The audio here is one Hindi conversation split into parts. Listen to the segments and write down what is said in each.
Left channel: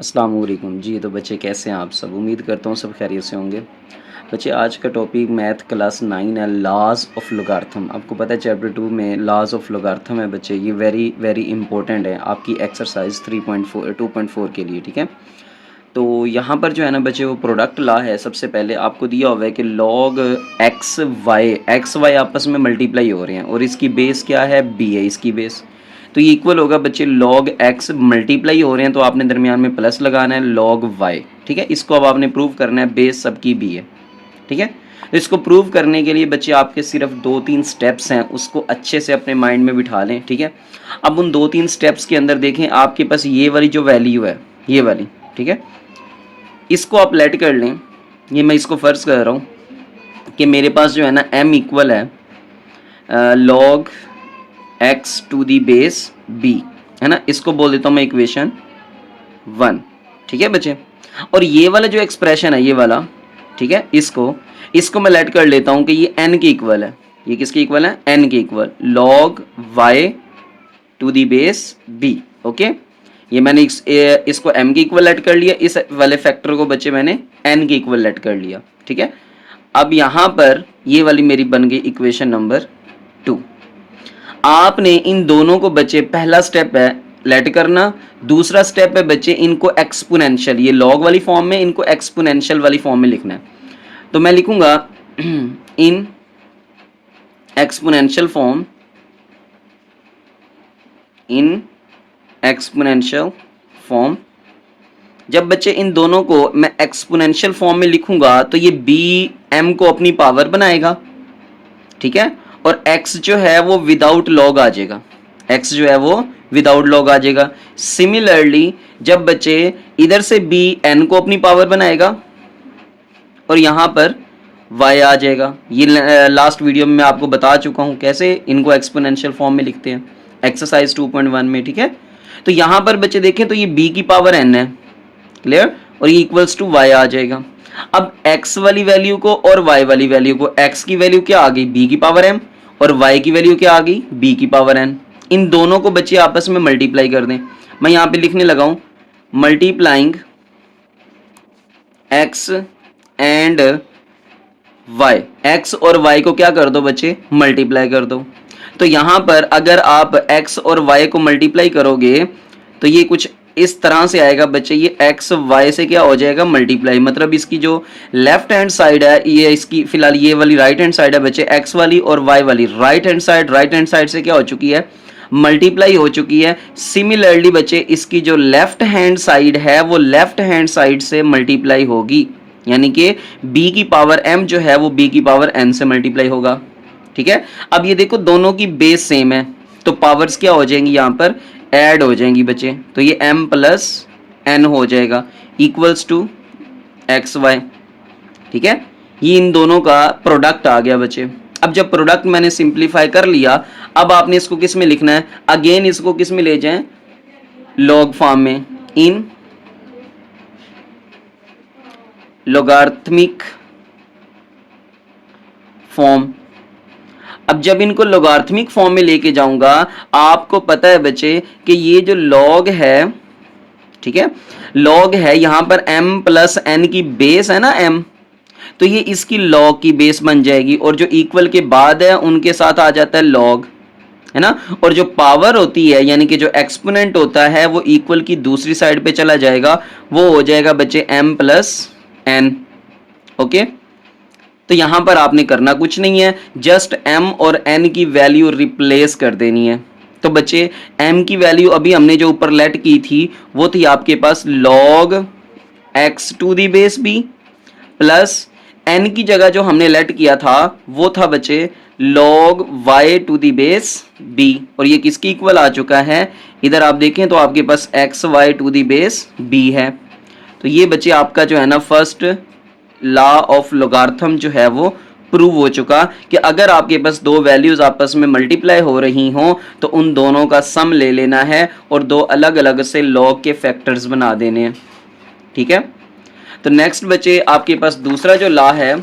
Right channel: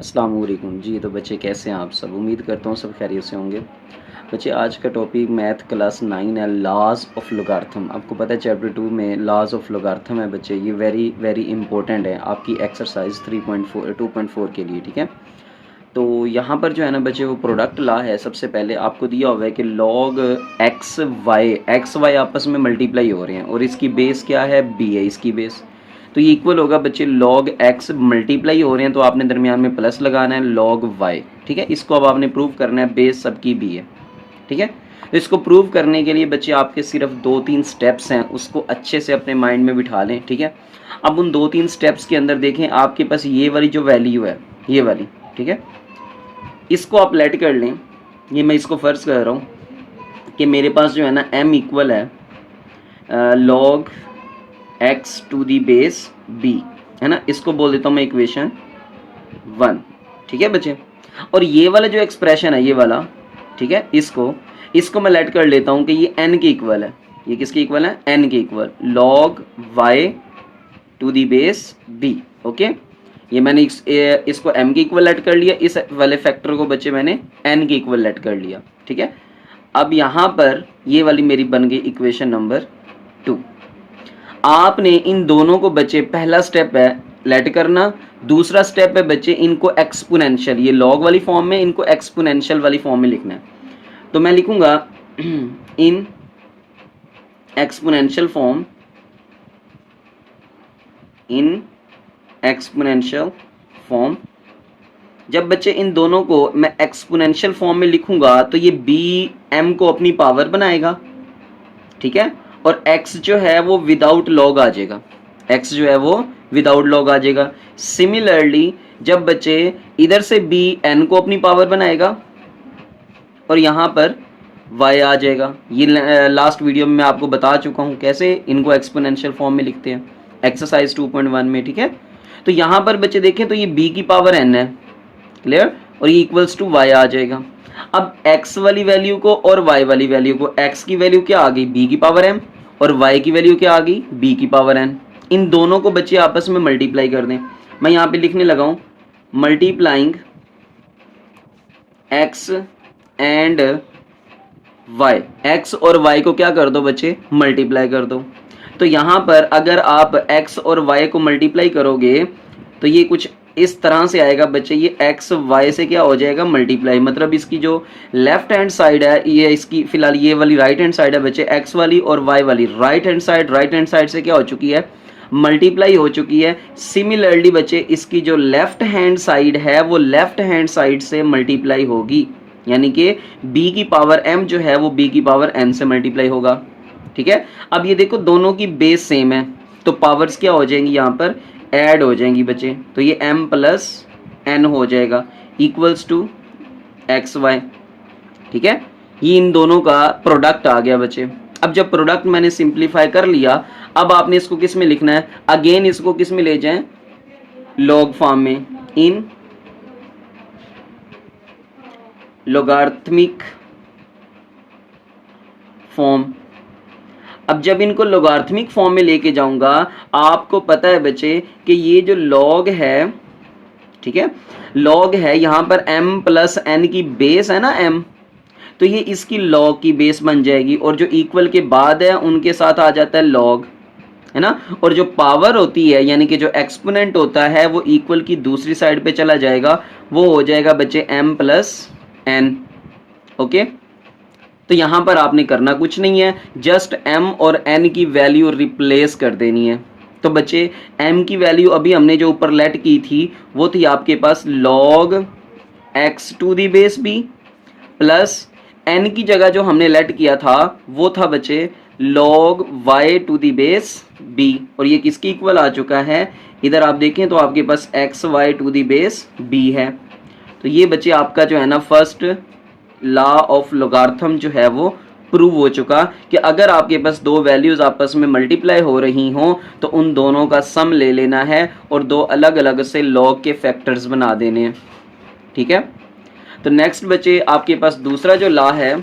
अस्सलाम वालेकुम जी। तो बच्चे कैसे हैं आप सब? उम्मीद करता हूँ सब खैरियत से होंगे। बच्चे आज का टॉपिक मैथ क्लास 9 है, लॉज ऑफ लोगार्थम। आपको पता है चैप्टर 2 में लॉज ऑफ लोगार्थम है बच्चे, ये वेरी वेरी इंपॉर्टेंट है आपकी एक्सरसाइज 3.4 2.4 के लिए, ठीक है। तो यहाँ पर जो है ना बच्चे वो प्रोडक्ट लॉ है। सबसे पहले आपको दिया हुआ है कि लॉग एक्स वाई आपस में मल्टीप्लाई हो रहे हैं और इसकी बेस क्या है, बी है इसकी बेस। तो ये इक्वल होगा बच्चे, लॉग एक्स मल्टीप्लाई हो रहे हैं तो आपने दरमियान में प्लस लगाना है लॉग वाई, ठीक है। इसको अब आपने प्रूव करना है, बेस सबकी बी है, ठीक है। तो इसको प्रूव करने के लिए बच्चे आपके सिर्फ 2-3 स्टेप्स हैं, उसको अच्छे से अपने माइंड में बिठा लें, ठीक है। अब उन 2-3 स्टेप्स के अंदर देखें आपके पास ये वाली जो वैल्यू है, ये वाली, ठीक है, इसको आप लेट कर लें। ये मैं इसको फ़र्ज़ कर रहा हूँ कि मेरे पास जो है ना m इक्वल है log x to the base b, है ना। इसको बोल देता हूँ मैं इक्वेशन 1, ठीक है बच्चे। और ये वाला जो एक्सप्रेशन है, ये वाला, ठीक है, इसको मैं लेट कर लेता हूँ कि ये n के इक्वल है। ये किसके इक्वल है? n के equal, log y to the base b, okay. ये मैंने इसको m के इक्वल लेट कर लिया, इस वाले फैक्टर को बच्चे मैंने n के इक्वल लेट कर लिया, ठीक है। अब यहाँ पर ये वाली मेरी बन गई इक्वेशन नंबर 2। आपने इन दोनों को बच्चे, पहला स्टेप है लेट करना, दूसरा स्टेप है बच्चे इनको एक्सपोनेंशियल, ये लॉग वाली फॉर्म में, इनको एक्सपोनेंशियल वाली फॉर्म में लिखना है। तो मैं लिखूंगा in exponential form, in exponential form. जब बच्चे इन दोनों को मैं एक्सपोनेंशियल फॉर्म में लिखूंगा तो ये बी एम को अपनी पावर बनाएगा, ठीक है। और x जो है वो विदाउट लॉग आ जाएगा, x जो है वो विदाउट लॉग आ जाएगा। सिमिलरली जब बच्चे इधर से b n को अपनी पावर बनाएगा और यहाँ पर y आ जाएगा। ये लास्ट वीडियो में मैं आपको बता चुका हूँ कैसे इनको एक्सपोनेंशियल फॉर्म में लिखते हैं, एक्सरसाइज 2.1 में, ठीक है। तो यहाँ पर बच्चे देखें तो ये b की पावर n है, क्लियर, और ये इक्वल्स टू y आ जाएगा। अब x वाली वैल्यू को और y वाली वैल्यू को, x की वैल्यू क्या आ गई, b की पावर m, और y की वैल्यू क्या आ गई, b की पावर n। इन दोनों को बच्चे आपस में मल्टीप्लाई कर दें। मैं यहाँ पे लिखने लगा हूँ multiplying x and y, x और y को क्या कर दो बच्चे, मल्टीप्लाई कर दो। तो यहाँ पर अगर आप x और y को मल्टीप्लाई करोगे तो ये कुछ इस तरह से आएगा बच्चे, ये x y से क्या हो जाएगा, मल्टीप्लाई। मतलब इसकी जो लेफ्ट हैंड साइड है, ये इसकी फिलहाल ये वाली राइट हैंड साइड है बच्चे, x वाली और y वाली राइट हैंड साइड से क्या हो चुकी है, मल्टीप्लाई हो चुकी है। सिमिलरली बच्चे इसकी जो लेफ्ट हैंड साइड है वो लेफ्ट हैंड साइड से मल्टीप्लाई होगी, यानी कि b की पावर m जो है वो b की पावर n से मल्टीप्लाई होगा, ठीक है। अब ये देखो दोनों की बेस सेम है तो पावर्स क्या हो जाएंगी, यहाँ पर ऐड हो जाएंगी बच्चे। तो ये m प्लस n हो जाएगा इक्वल्स टू एक्स वाई, ठीक है। ये इन दोनों का प्रोडक्ट आ गया बच्चे। अब जब प्रोडक्ट मैंने सिंप्लीफाई कर लिया, अब आपने इसको किस में लिखना है, अगेन इसको किस में ले जाएं, लॉग फॉर्म में, इन लोगार्थमिक फॉर्म। अब जब इनको लोगार्थमिक फॉर्म में लेके जाऊंगा, आपको पता है बच्चे कि ये जो लॉग है, ठीक है, लॉग है यहाँ पर m प्लस n की बेस है ना m, तो ये इसकी लॉग की बेस बन जाएगी, और जो इक्वल के बाद है उनके साथ आ जाता है लॉग, है ना। और जो पावर होती है यानी कि जो एक्सपोनेंट होता है वो इक्वल की दूसरी साइड पे चला जाएगा, वो हो जाएगा बच्चे m प्लस n, ओके। तो यहां पर आपने करना कुछ नहीं है, जस्ट m और n की वैल्यू रिप्लेस कर देनी है। तो बच्चे m की वैल्यू अभी हमने जो ऊपर लेट की थी वो थी आपके पास log x to the base b, plus n की जगह जो हमने लेट किया था वो था बच्चे log y to the base b, और ये किसकी इक्वल आ चुका है, इधर आप देखें तो आपके पास x y to the base b है। तो ये बच्चे आपका जो है ना फर्स्ट लॉ ऑफ लोगार्थम जो है वो प्रूव हो चुका कि अगर आपके पास दो वैल्यूज आपस में मल्टीप्लाई हो रही हों तो उन दोनों का सम ले लेना है और दो अलग अलग से लॉग के फैक्टर्स बना देने हैं, ठीक है। तो नेक्स्ट बच्चे आपके पास दूसरा जो लॉ है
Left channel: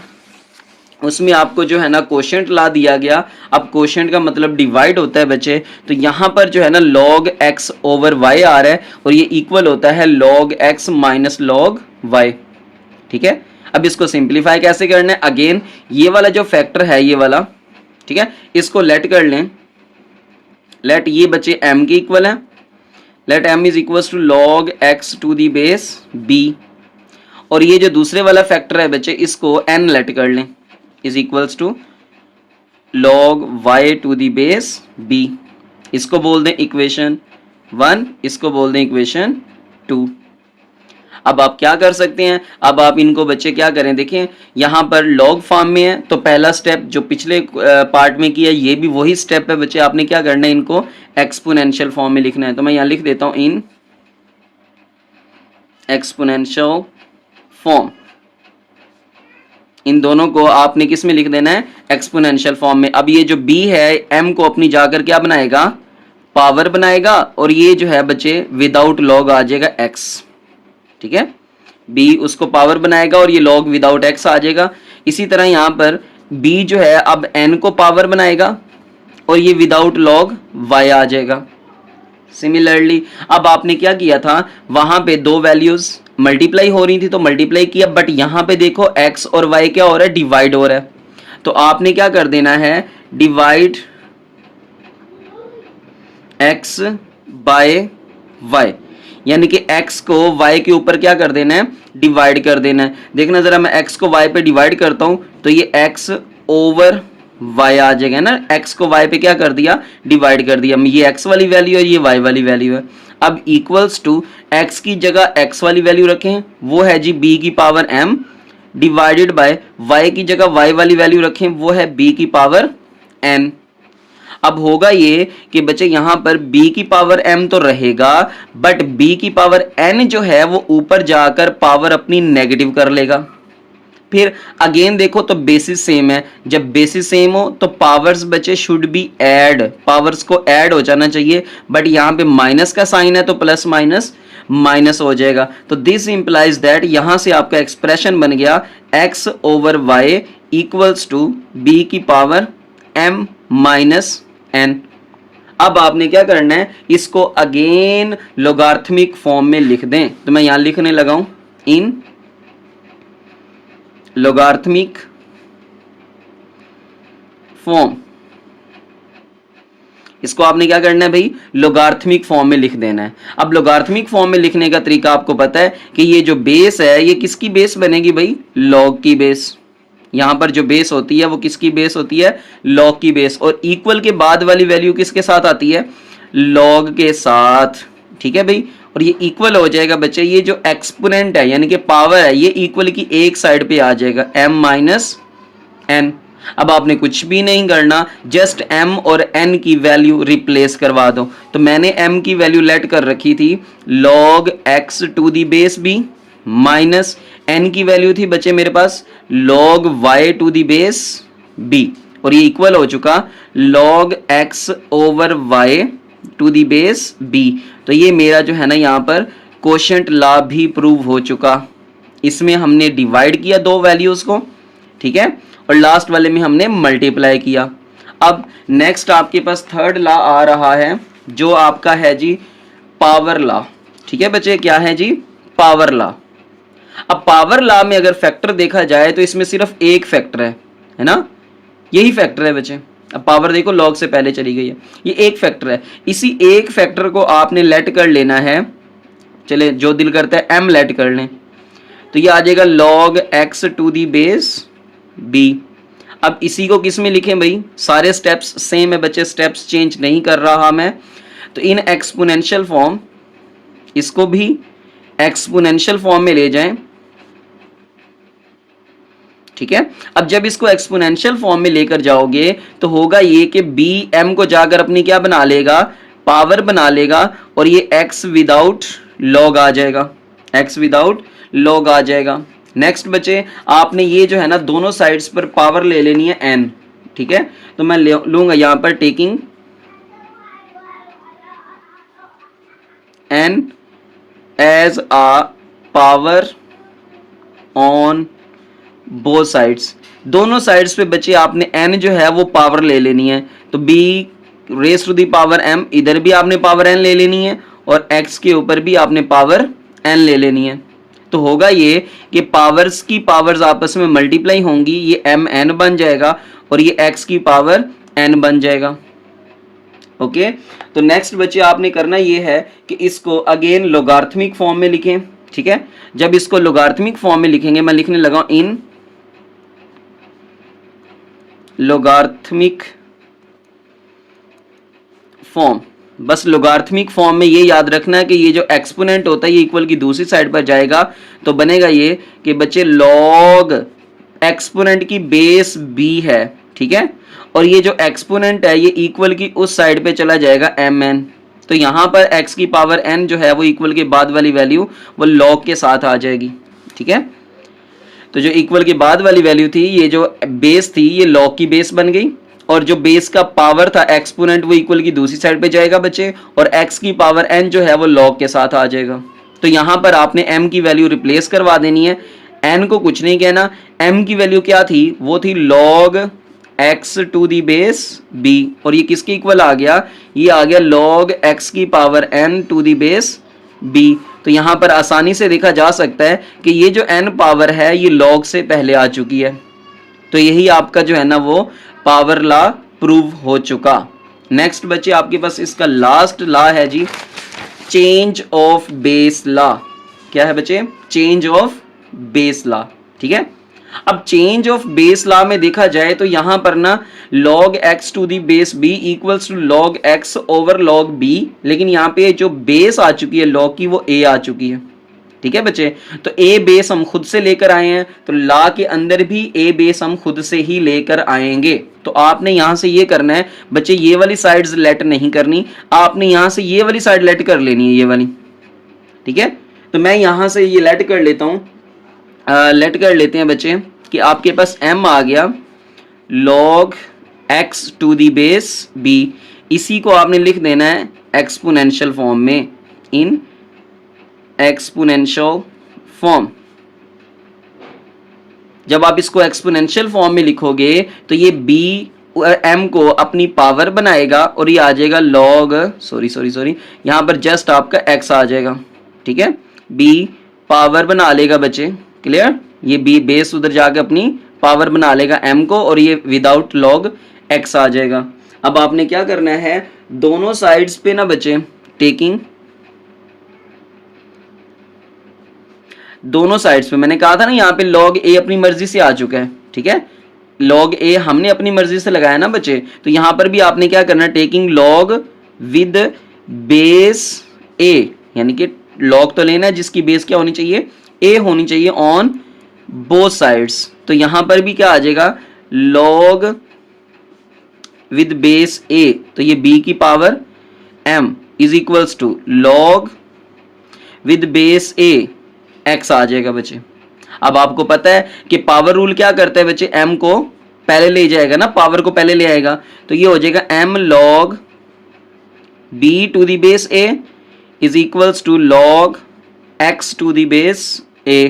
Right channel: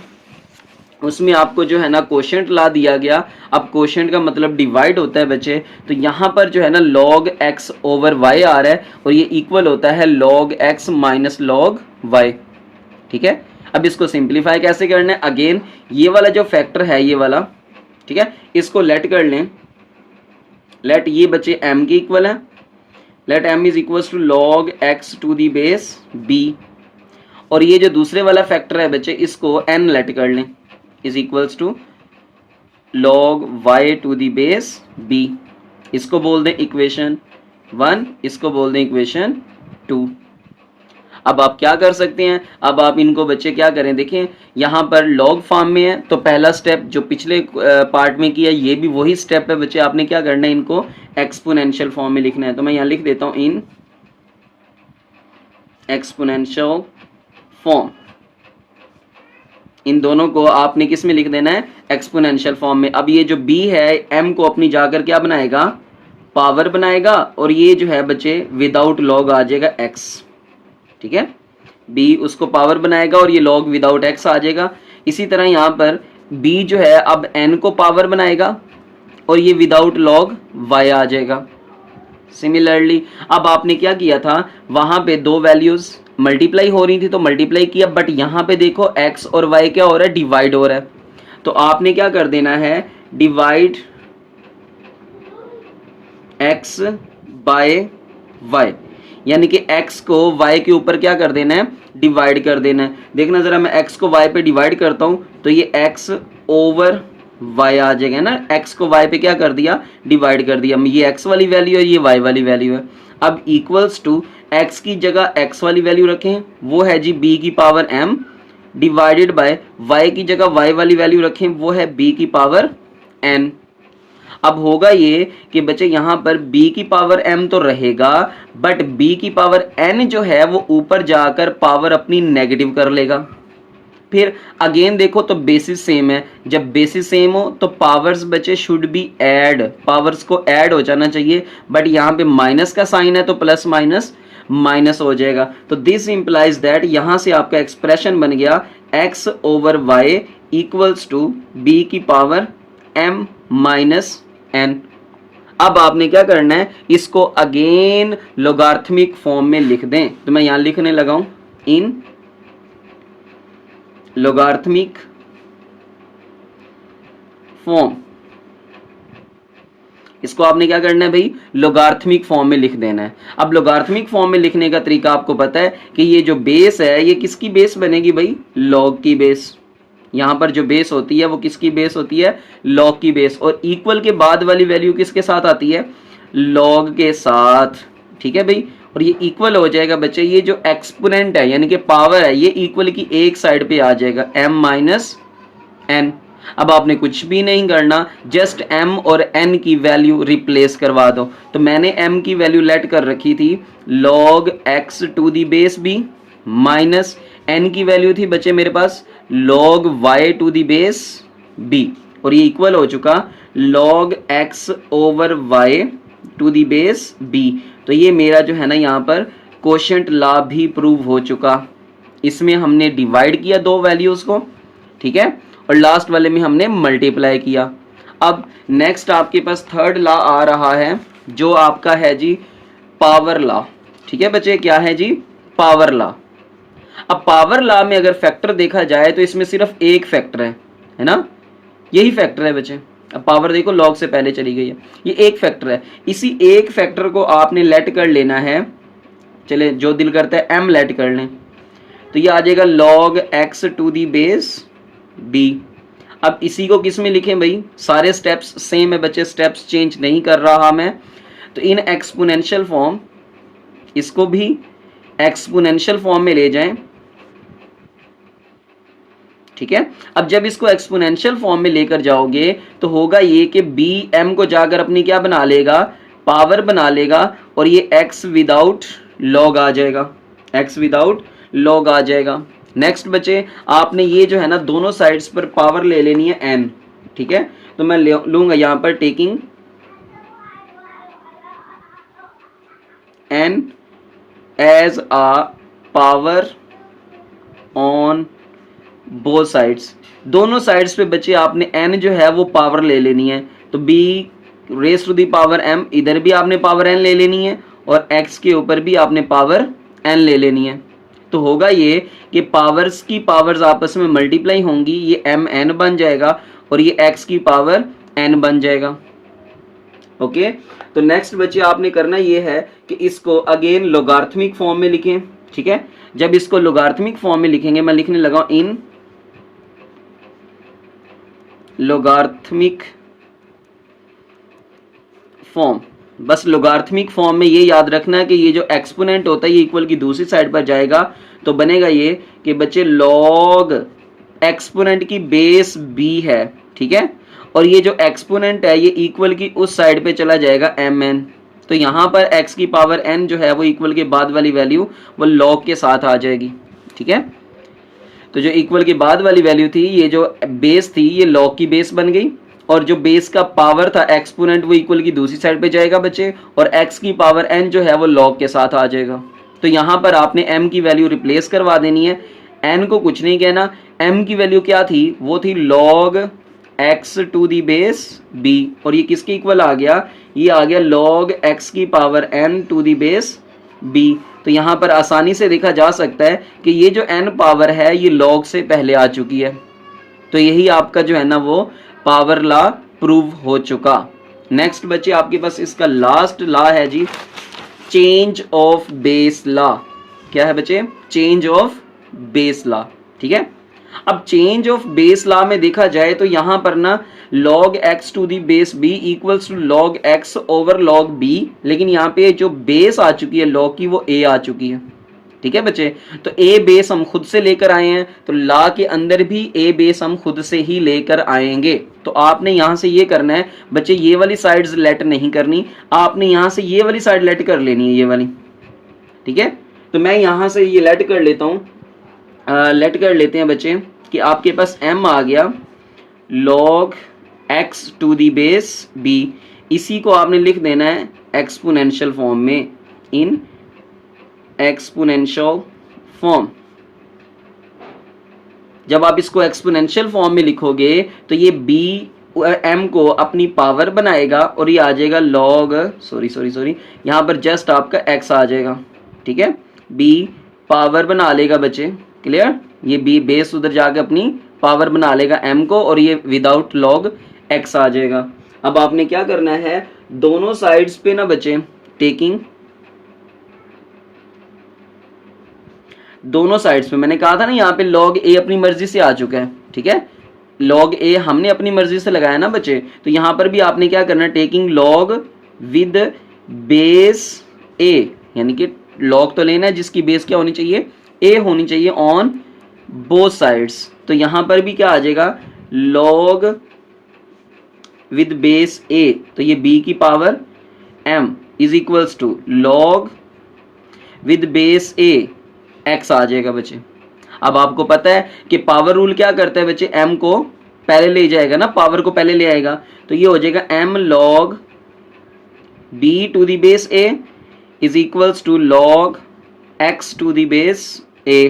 उसमें आपको जो है ना कोशेंट ला दिया गया। अब कोशेंट का मतलब डिवाइड होता है बच्चे, तो यहाँ पर जो है ना log x ओवर y आ रहा है और ये इक्वल होता है log x minus log y। ठीक है, अब इसको सिंप्लीफाई कैसे करना है, अगेन ये वाला जो फैक्टर है ये वाला, ठीक है, इसको लेट कर लें, लेट ये बच्चे m के इक्वल है, let m is equal to log x to the base b, और ये जो दूसरे वाला फैक्टर है बच्चे इसको n लेट कर लें, is equals to log y to the base b। इसको बोल दें इक्वेशन 1, इसको बोल दें इक्वेशन 2। अब आप क्या कर सकते हैं, अब आप इनको बच्चे क्या करें, देखें यहाँ पर लॉग फॉर्म में है तो पहला स्टेप जो पिछले पार्ट में किया ये भी वही स्टेप है बच्चे, आपने क्या करना है इनको एक्सपोनेंशियल फॉर्म में लिखना है। तो मैं यहाँ लिख देता हूँ इन एक्सपोनेंशियल फॉर्म, इन दोनों को आपने किस में लिख देना है, एक्सपोनेंशियल फॉर्म में। अब ये जो b है m को अपनी जाकर क्या बनाएगा, पावर बनाएगा, और ये जो है बच्चे विदाउट लॉग आ जाएगा x। ठीक है, b उसको पावर बनाएगा और ये log विदाउट x आ जाएगा। इसी तरह यहाँ पर b जो है अब n को पावर बनाएगा और ये विदाउट log y आ जाएगा। सिमिलरली अब आपने क्या किया था, वहां पे दो वैल्यूज मल्टीप्लाई हो रही थी तो मल्टीप्लाई किया, बट यहाँ पे देखो x और y क्या हो रहा है, डिवाइड हो रहा है। तो आपने क्या कर देना है, डिवाइड x बाय y, यानी कि x को y के ऊपर क्या कर देना है, डिवाइड कर देना है। देखना जरा, मैं x को y पे डिवाइड करता हूं तो ये x ओवर y आ जाएगा ना, x को y पे क्या कर दिया, डिवाइड कर दिया। ये x वाली वैल्यू है, ये y वाली वैल्यू है। अब इक्वल्स टू x की जगह x वाली वैल्यू रखें, वो है जी b की power m, divided by y की जगह y वाली वैल्यू रखें, वो है b की पावर n। अब होगा ये कि बच्चे यहाँ पर b की पावर m तो रहेगा, बट b की पावर n जो है वो ऊपर जाकर पावर अपनी नेगेटिव कर लेगा। फिर अगेन देखो तो बेसिस सेम है, जब बेसिस सेम हो तो पावर्स बच्चे शुड बी ऐड, पावर्स को ऐड हो जाना चाहिए, बट यहाँ पे माइनस का साइन है तो प्लस माइनस माइनस हो जाएगा। तो दिस इंप्लाइज दैट यहां से आपका एक्सप्रेशन बन गया x over y equals to b की पावर m माइनस n। अब आपने क्या करना है, इसको अगेन लोगार्थमिक फॉर्म में लिख दें। तो मैं यहां लिखने लगा हूं इन लोगार्थमिक फॉर्म। इसको आपने क्या करना है भाई, लोगार्थमिक फॉर्म में लिख देना है। अब लोगार्थमिक फॉर्म में लिखने का तरीका आपको पता है कि ये जो बेस है ये किसकी बेस बनेगी भाई, लॉग की बेस। यहां पर जो बेस होती है वो किसकी बेस होती है, लॉग की बेस, और इक्वल के बाद वाली वैल्यू किसके साथ आती है, लॉग के साथ। ठीक है भाई, और ये इक्वल हो जाएगा बच्चे, ये जो एक्सपोनेंट है यानी कि पावर है ये इक्वल की एक साइड पे आ जाएगा m माइनस n। अब आपने कुछ भी नहीं करना, जस्ट m और n की वैल्यू रिप्लेस करवा दो। तो मैंने m की वैल्यू लेट कर रखी थी log x to the base b, minus n की वैल्यू थी बच्चे मेरे पास log y to the base b, और ये इक्वल हो चुका log x over y to the base b। तो ये मेरा जो है ना यहाँ पर कोशेंट लॉ भी प्रूव हो चुका। इसमें हमने डिवाइड किया दो वैल्यूज को, ठीक है, और लास्ट वाले में हमने मल्टीप्लाई किया। अब नेक्स्ट आपके पास थर्ड लॉ आ रहा है जो आपका है जी पावर लॉ। ठीक है बच्चे, क्या है जी, पावर लॉ। अब पावर लॉ में अगर फैक्टर देखा जाए तो इसमें सिर्फ एक फैक्टर है ना, यही फैक्टर है बच्चे। अब पावर देखो लॉग से पहले चली गई है, ये एक फैक्टर है। इसी एक फैक्टर को आपने लेट कर लेना है, चले जो दिल करता है m लेट कर लें, तो ये आ जाएगा log x to the base b। अब इसी को किस में लिखें भाई, सारे स्टेप्स सेम है बच्चे, स्टेप्स चेंज नहीं कर रहा मैं। तो इन एक्सपोनेंशियल फॉर्म, इसको भी एक्सपोनेंशियल फॉर्म में ले जाएं। ठीक है, अब जब इसको एक्सपोनेंशियल फॉर्म में लेकर जाओगे तो होगा ये कि b m को जाकर अपनी क्या बना लेगा, पावर बना लेगा, और ये x विदाउट log आ जाएगा, x विदाउट log आ जाएगा। नेक्स्ट बचे, आपने ये जो है ना दोनों साइड्स पर पावर ले लेनी है n। ठीक है, तो मैं लूंगा यहां पर taking n as a power on both sides, दोनों साइड्स पे बच्चे आपने n जो है वो पावर ले लेनी है। तो b raise to the power m, इधर भी आपने पावर n ले लेनी है और x के ऊपर भी आपने पावर n ले लेनी है। तो होगा ये कि पावर्स की पावर्स आपस में मल्टीप्लाई होंगी, ये m n बन जाएगा और ये x की पावर n बन जाएगा। ओके, तो नेक्स्ट बच्चे आपने करना ये है कि इसको अगेन लोगार्थमिक फॉर्म में लिखें। ठीक है, जब इसको लोगार्थमिक फॉर्म में लिखेंगे, मैं लिखने लगा इन लोगार्थमिक फॉर्म। बस लोगार्थमिक फॉर्म में ये याद रखना है कि ये जो एक्सपोनेंट होता है ये इक्वल की दूसरी साइड पर जाएगा, तो बनेगा ये कि बच्चे लॉग एक्सपोनेंट की बेस b है। ठीक है, और ये जो एक्सपोनेंट है ये इक्वल की उस साइड पे चला जाएगा mn। तो यहाँ पर x की पावर n जो है वो इक्वल के बाद वाली वैल्यू वो लॉग के साथ आ जाएगी। ठीक है, तो जो इक्वल के बाद वाली वैल्यू थी, ये जो बेस थी ये लॉग की बेस बन गई, और जो बेस का पावर था एक्सपोनेंट वो इक्वल की दूसरी साइड पे जाएगा बच्चे, और x की पावर n जो है वो लॉग के साथ आ जाएगा। तो यहाँ पर आपने m की वैल्यू रिप्लेस करवा देनी है, n को कुछ नहीं कहना। m की वैल्यू क्या थी, वो थी log x to the base b, और ये किसके इक्वल आ गया, ये आ गया log x की power n to the base b। तो यहाँ पर आसानी से देखा जा सकता है कि ये जो n पावर है ये log से पहले आ चुकी है। तो यही आपका जो है ना वो पावर लॉ प्रूव हो चुका। नेक्स्ट बच्चे आपके पास इसका लास्ट लॉ है जी, चेंज ऑफ बेस लॉ। क्या है बच्चे, चेंज ऑफ बेस लॉ। ठीक है, अब चेंज ऑफ बेस लॉ में देखा जाए तो यहाँ पर ना log x to the base b equals to log x over log b, लेकिन यहाँ पे जो बेस आ चुकी है log की वो a आ चुकी है। ठीक है बच्चे, तो a बेस हम खुद से लेकर आए हैं, तो लॉ के अंदर भी a बेस हम खुद से ही लेकर आएंगे। तो आपने यहाँ से ये करना है बच्चे, ये वाली साइड्स लेट नहीं करनी, आपने यहाँ से ये वाली साइड लेट कर लेनी है, ये वाली। ठीक है, तो मैं यहाँ से ये लेट कर लेता हूँ, लेट कर लेते हैं बच्चे कि आपके पास m आ गया log x to the base b, इसी को आपने लिख देना है एक्सपोनेंशियल फॉर्म में, इन एक्सपोनेंशियल फॉर्म। जब आप इसको एक्सपोनेंशियल फॉर्म में लिखोगे तो ये b m को अपनी पावर बनाएगा और ये आ जाएगा log सॉरी यहाँ पर जस्ट आपका x आ जाएगा। ठीक है, b पावर बना लेगा बच्चे, क्लियर, ये b बेस उधर जाकर अपनी पावर बना लेगा m को, और ये विदाउट log x आ जाएगा। अब आपने क्या करना है, दोनों साइड्स पे ना बच्चे टेकिंग, दोनों साइड्स पे मैंने कहा था ना यहाँ पे log a अपनी मर्जी से आ चुका है। ठीक है, log a हमने अपनी मर्जी से लगाया ना बच्चे, तो यहाँ पर भी आपने क्या करना है, taking log with base a, यानी कि log तो लेना है जिसकी बेस क्या होनी चाहिए, a होनी चाहिए ऑन बोथ साइड्स। तो यहाँ पर भी क्या आ जाएगा, log विद बेस a, तो ये b की power m is equals to log with base a x आ जाएगा बच्चे। अब आपको पता है कि पावर रूल क्या करता है बच्चे, m को पहले ले जाएगा ना, पावर को पहले ले आएगा, तो ये हो जाएगा m log b to the base a is equals to log x to the base a।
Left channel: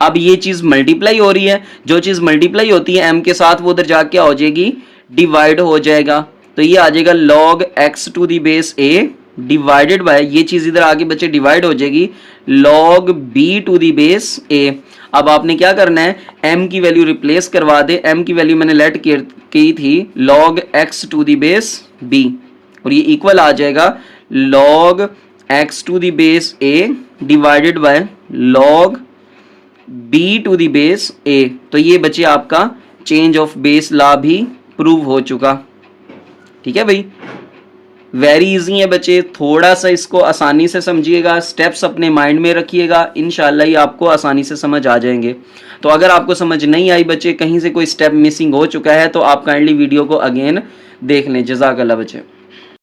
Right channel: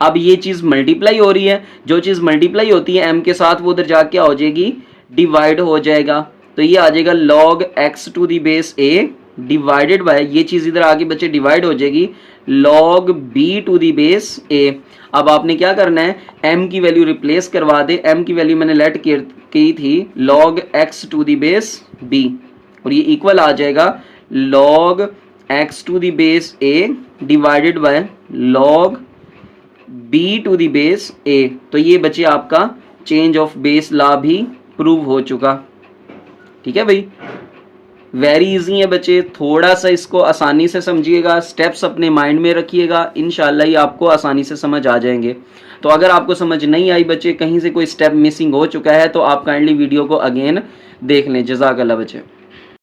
अब ये चीज मल्टीप्लाई हो रही है, जो चीज मल्टीप्लाई होती है m के साथ वो उधर जाके क्या हो जाएगी, डिवाइड हो जाएगा। तो ये आ जाएगा log x to the base a divided by, ये चीज इधर आगे बच्चे डिवाइड हो जाएगी log b to the base a। अब आपने क्या करना है, m की वैल्यू रिप्लेस करवा दे, m की वैल्यू मैंने लेट की थी log x to the base b, और ये इक्वल आ जाएगा log x to the base a divided by log b to the base a। तो ये बच्चे आपका चेंज ऑफ बेस लॉ भी प्रूव हो चुका। ठीक है भाई, वेरी इजी है बच्चे, थोड़ा सा इसको आसानी से समझिएगा, स्टेप्स अपने माइंड में रखिएगा, इंशाल्लाह ये आपको आसानी से समझ आ जाएंगे। तो अगर आपको समझ नहीं आई बच्चे, कहीं से कोई स्टेप मिसिंग हो चुका है, तो आप काइंडली वीडियो को अगेन देख लें। जज़ाकल्लाह बच्चे।